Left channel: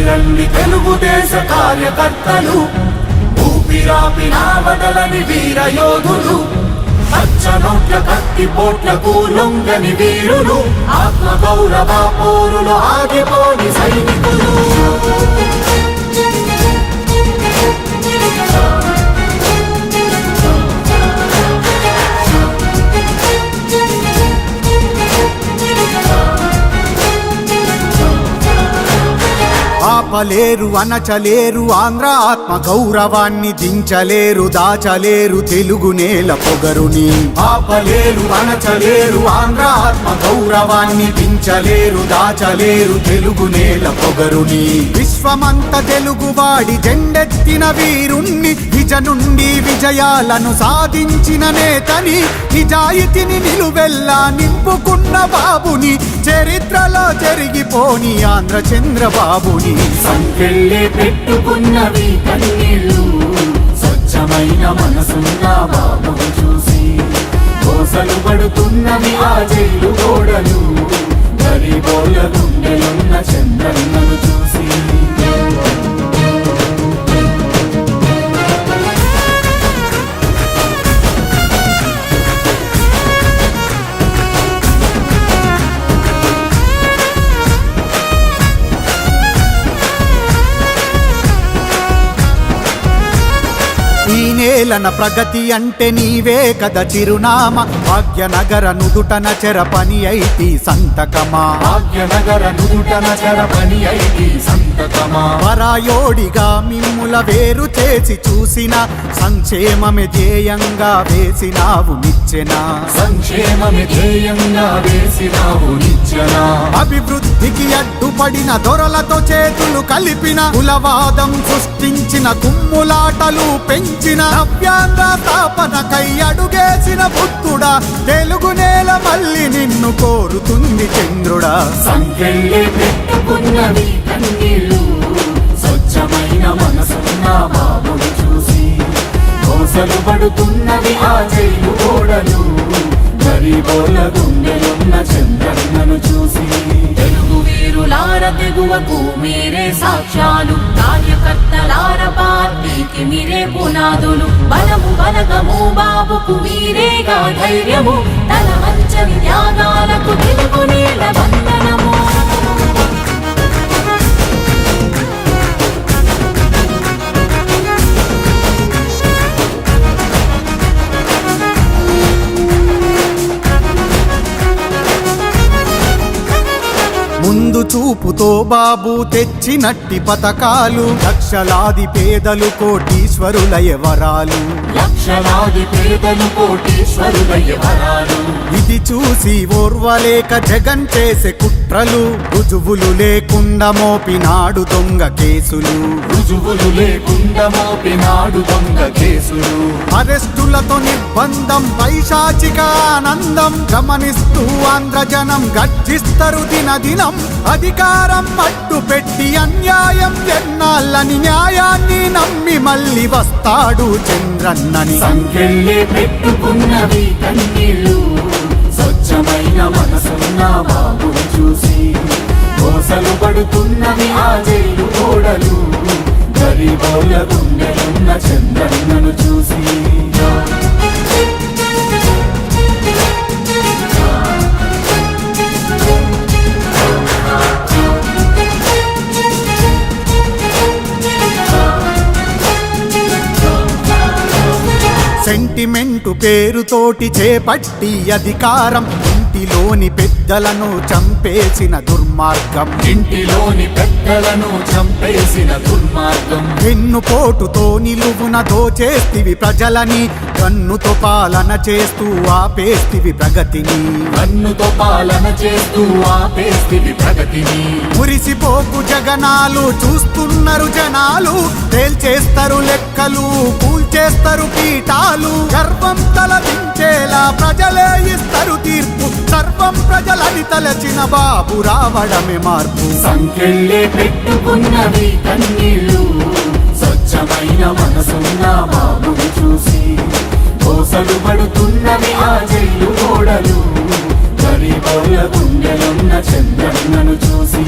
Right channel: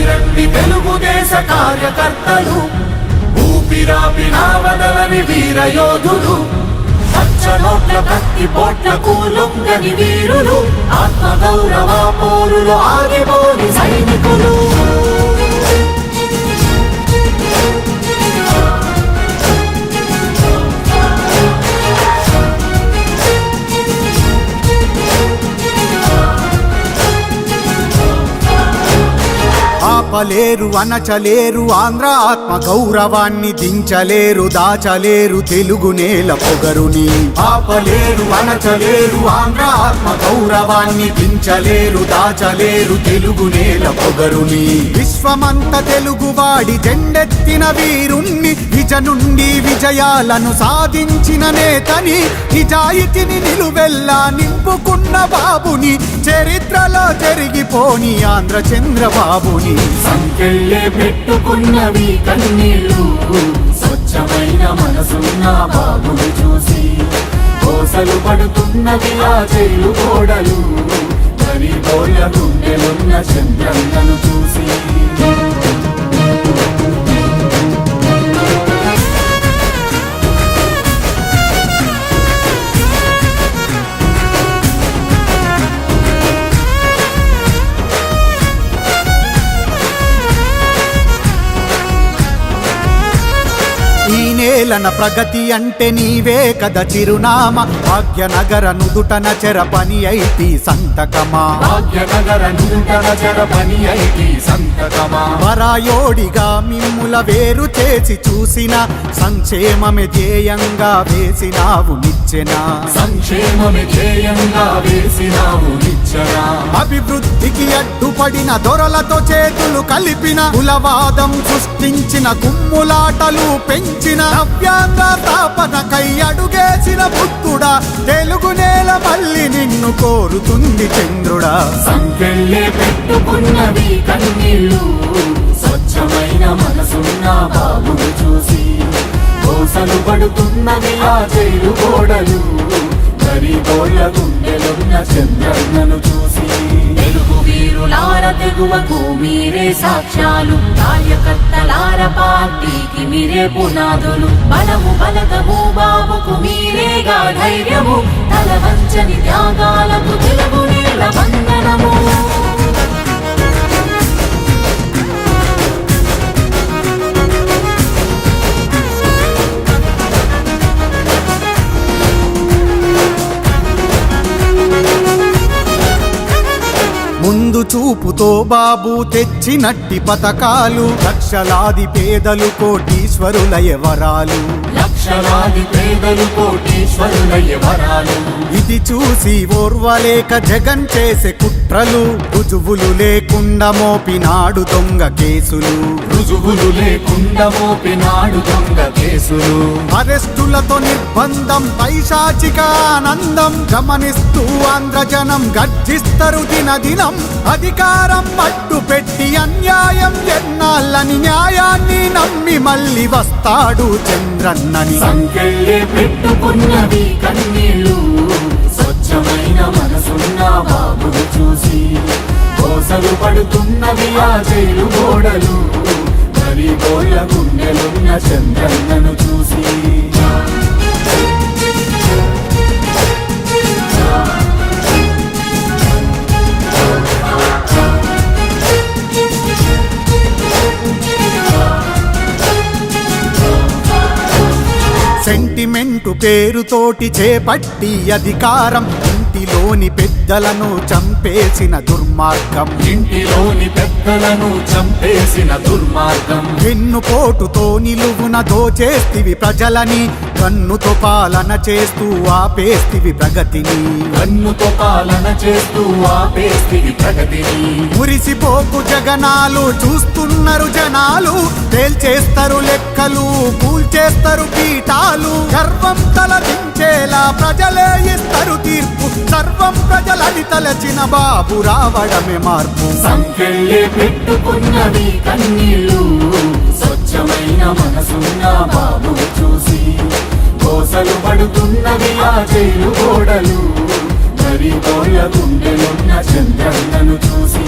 కదిలిరండి తెలుగుదేశ కార్యకర్తలు, ఊపిరాపినా వదలని వీర యోధులు, పచ్చ నోట్ల కత్తి పోట్లకు లొంగని వీరులు, ఆత్మగౌరవ పోరులు ఆగిపోని సైనికులు. ఆపలేరు అనచలేరు ఆంధ్ర ఆత్మ గౌరవాన్ని దించలేరు దాచలేరు తెలుగు నేల పొగరుని. ఆపలేరు అనచలేరు ఆంధ్ర ఆత్మ గౌరవాన్ని దించలేరు దాచలేరు తెలుగు నేల పొగరుని. విశ్వమంత తెలుగువాడి జెండెత్తిన వీరుణ్ణి, విజ నుండి విజయాలను సాధించిన నేతని, నిజాయితీని నిలువెల్లా నింపుకున్న బాబుని, చరిత్రలో జరిగిపోని ఆంధ్ర చంద్రబాబుని. సంకెళ్ళే పెట్టుకున్నవి కన్నీళ్ళు, స్వచ్ఛమైన మనసున్న బాబును చూసి కోసలు పడుతున్నవి ఆ జైలు గోడలు, గరీబోళ్ళ గుండెలున్న చంద్రన్నను చూసి. ఈ నేలన ప్రగతి అంటే నీవే కద చిరునామా, భాగ్యనగర నుదుటన చెరపని ఐటీ సంతకమా. పరాయోడిగా మిమ్ముల వేరు చేసి చూసిన, సంక్షేమమే ధ్యేయంగా వేసినావు నిచ్చెన. అభివృద్ధికి అడ్డుపడిన దొరలతో చేతులు కలిపిన, కులవాదం సృష్టించిన కుమ్ములాటలు పెంచిన, నవ్యాంధ్ర స్థాపనకై అడుగేసిన బుద్ధుడా, తెలుగు నేల మళ్ళీ నిన్ను కోరుతుంది చంద్రుడా. సంకెళ్ళే పెట్టుకున్నవి కన్నీళ్ళు, స్వచ్ఛమైన మనసున్న బాబును చూసి కోసలు పడుతున్నవి ఆ జైలు గోడలు, గరీబోళ్ళ గుండెలున్న చంద్రన్నను చూసి. తెలుగు వీరులార తెగువకు మీరే సాక్ష్యాలు, కార్యకర్తలార పార్టీకి మీరే పునాదులు, బలము బలగము బాబుకు మీరేగా ధైర్యము, తల వంచని త్యాగాలకు తెలుగు నేల వందనము. ముందు చూపుతో బాబు తెచ్చినట్టి పథకాలు, లక్షలాది పేదలు కోటీశ్వరులయ వరాలు. ఇది చూసి ఓర్వలేక జగన్ చేసే కుట్రలు, రుజువులు లేకుండా మోపినాడు దొంగ కేసులు. అరెస్టులతో నిర్బంధం, పైశాచిక ఆనందం గమనిస్తూ ఆంధ్రజనం గర్జిస్తారు దినదినం. అధికారం అడ్డు పెట్టి అన్యాయం ఎన్నాళ్ళని, న్యాయాన్ని నమ్మి మళ్ళీ వస్తాడు చంద్రన్నని. సంకెళ్ళే పెట్టుకున్నవి కన్నీళ్ళు, స్వచ్ఛమైన మనసున్న బాబును చూసి కోసలు పడుతున్నవి ఆ జైలు గోడలు, గరీబోళ్ళ గుండెలున్న చంద్రన్నను చూసి. సెంటిమెంటు పేరుతోటి చేపట్టి అధికారం, ఇంటిలోని పెద్దలను చంపేసిన దుర్మార్గం. వెన్నుపోటుతో నిలువున దోచేస్తివి ప్రజలని, కన్నుతో పాలన చేస్తూ ఆపేస్తివి ప్రగతిని. మురిసిపోకు జగనాలు, చూస్తున్నారు జనాలు, తేల్చేస్తారు లెక్కలు, కూల్చేస్తారు పీఠాలు. గర్వం తలదించేలా ప్రజలే ఇస్తారు తీర్పు, సర్వం ప్రజలని తలచిన బాబు రావడమే మార్పు. సంకెళ్ళే పెట్టుకున్నవి కన్నీళ్ళు, స్వచ్ఛమైన మనసున్న బాబును చూసి కోసలు పడుతున్నవి ఆ జైలు గోడలు, గరీబోళ్ళ గుండెలున్న చంద్రన్నను చూసి.